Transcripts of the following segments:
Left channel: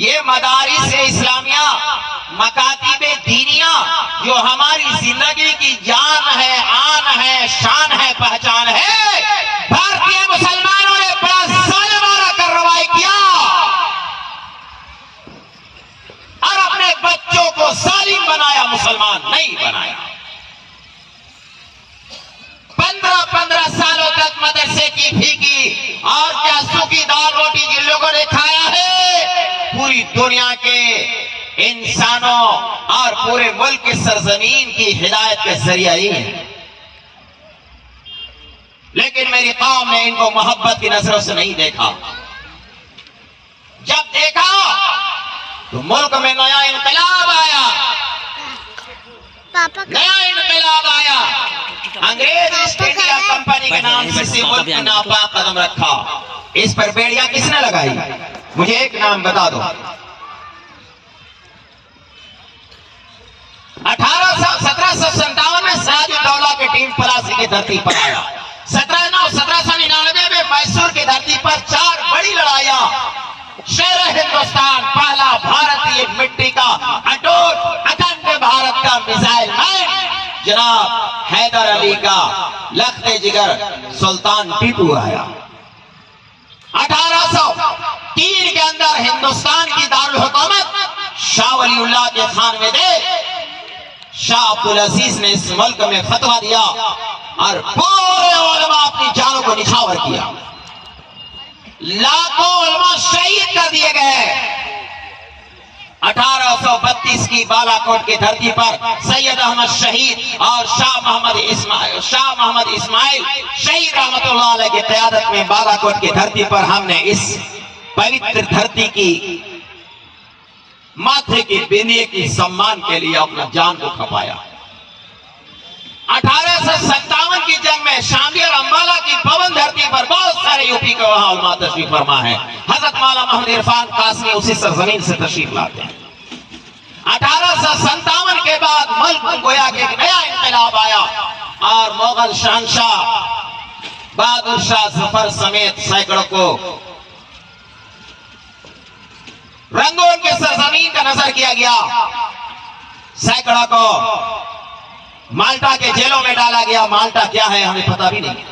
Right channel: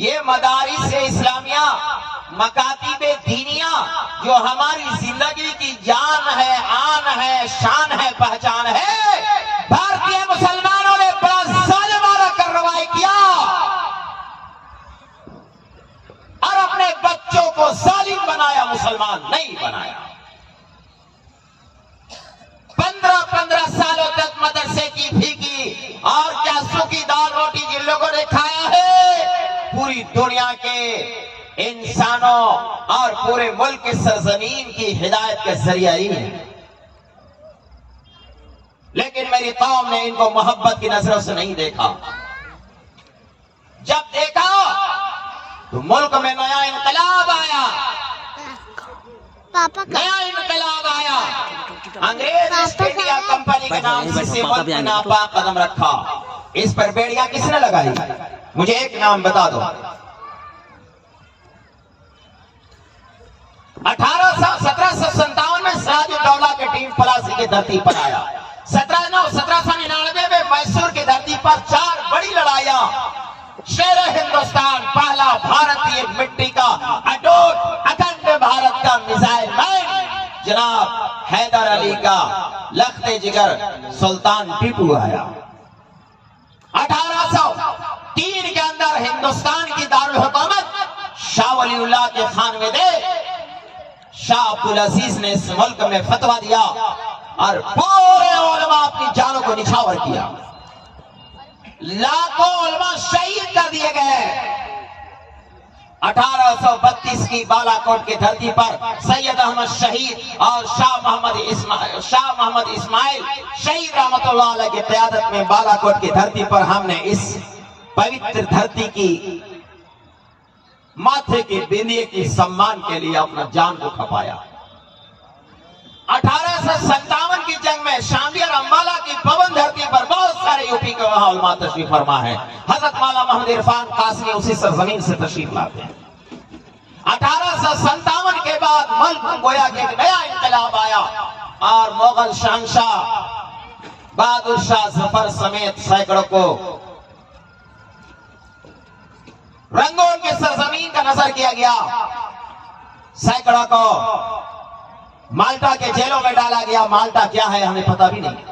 یہ مدارس اسلامیہ، مکاتب دینیہ جو ہماری زندگی کی جان ہے، آن ہے، شان ہے، پہچان ہے، بھارتی مسلمانوں نے بڑا ظالمانہ کارروائی کیا اور اپنے بچوں کو ظالم بنایا، مسلمان نہیں بنایا۔ 15 سالوں تک مدرسے کی فی کی اور کیا سوکھی دال روٹی جن لوگوں نے کھایا ہے، پوری دنیا کے انسانوں اور پورے ملک کی سرزمین کی ہدایت کے ذریعہ ہی ہے، لیکن میری قوم نے ان کو محبت کی نظروں سے نہیں دیکھا۔ جب دیکھا تو ملک میں نیا انقلاب آیا، نیا انقلاب آیا، انگریز ایسٹ انڈیا کمپنی کے نام سے ملک میں ناپاک قدم رکھا۔ اس پر بیڑیاں کس نے لگائی؟ مجھے ایک نام بتا دو۔ 1757 میں سراج الدولہ کے ٹیم پلاسی کی دھرتی پر آیا۔ 1799 میں میسور کی دھرتی پر 4 بڑی لڑائیاں، شیر ہندوستان، پہلا بھارتی مٹی کا اٹوٹ اکھنڈ بھارت کا میزائل مین جناب حیدر علی کا لخت جگر سلطان ٹیپو آیا۔ 1803 کے اندر ہندوستان کی دارالحکومت شاہ ولی اللہ کے خانوادے شاہ عبدالعزیز نے اس ملک میں فتویٰ دیا اور پورے علماء اپنی جانوں کو نچھاور کیا، لاکھوں علماء شہید کر دیے گئے۔ 1832 کی بالا کوٹ کی دھرتی پر سید احمد شہید اور شاہ محمد اسماعیل شہید رحمت اللہ علیہ کی قیادت میں بالا کوٹ کی دھرتی پر ہم نے اس پوتر دھرتی کی ماتھے کی بندی کی سمان کے لیے اپنا جان کو کھپایا۔ 1857 کی جنگ میں شاملی اور امبالہ کی پون دھرتی پر بہت سارے یوپی کے وہاں علماء تشریف فرما ہے۔ حضرت مولانا محمد عرفان قاسمی اسی سرزمین سے تشریف لاتے ہیں۔ 1857 کے بعد ملک گویا کہ ایک نیا انقلاب آیا اور مغل شہنشاہ بہادر شاہ ظفر سمیت سینکڑوں کو رنگون کی سرزمین کا نظر کیا گیا، سینکڑوں کو مالٹا کے جیلوں میں ڈالا گیا۔ مالٹا کیا ہے ہمیں پتہ بھی نہیں۔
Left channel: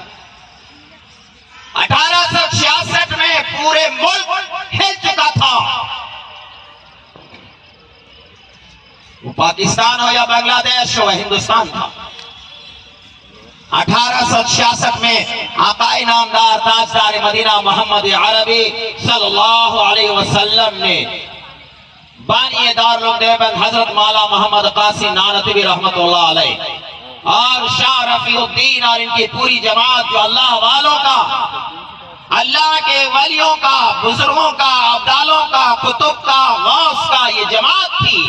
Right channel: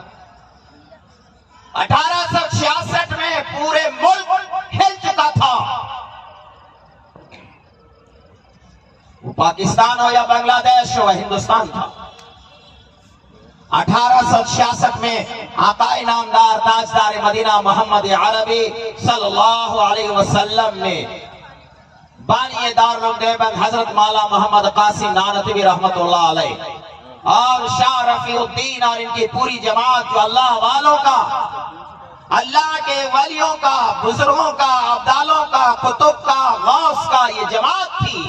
1866 میں پورے ملک ہل چکا تھا، وہ پاکستان ہو یا بنگلہ دیش ہو، ہندوستان تھا۔ 1866 میں آقا نامدار تاجدار مدینہ محمد عربی صلی اللہ علیہ وسلم نے بانی دارالعلوم دیوبند حضرت مولانا محمد قاسم نانوتوی رحمت اللہ علیہ اور شاہ رفیع الدین اور ان کی پوری جماعت جو اللہ والوں کا، اللہ کے ولیوں کا، بزرگوں کا، ابدالوں کا، کتب کا، غوث کا یہ جماعت تھی۔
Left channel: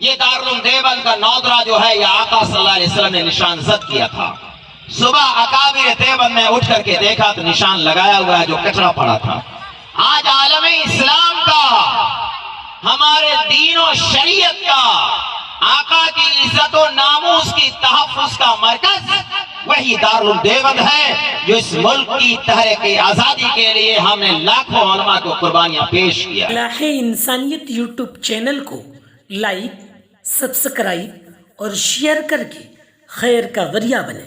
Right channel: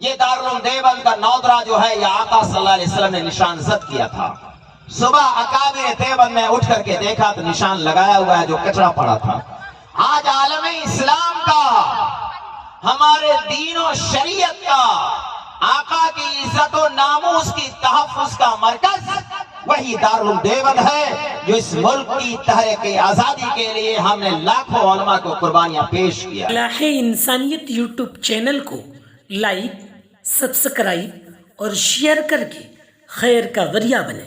یہ دارالعلوم دیوبند کا نودرہ جو ہے یہ آقا صلی اللہ علیہ وسلم نے نشان زد کیا تھا۔ صبح اکابر دیوبند میں اٹھ کر کے دیکھا تو نشان لگایا ہوا ہے جو کچرا پڑا تھا۔ آج عالم اسلام کا، ہمارے دین و شریعت کا، آقا کی عزت و ناموس کی تحفظ کا مرکز وہی دارالعلوم دیوبند ہے جو اس ملک کی تحریک آزادی کے لیے ہم نے لاکھوں علماء کو قربانیاں پیش کیا۔ اصلاح انسانیت یوٹیوب چینل کو لائک، سبسکرائب اور شیئر کر کے خیر کا ذریعہ بنیں۔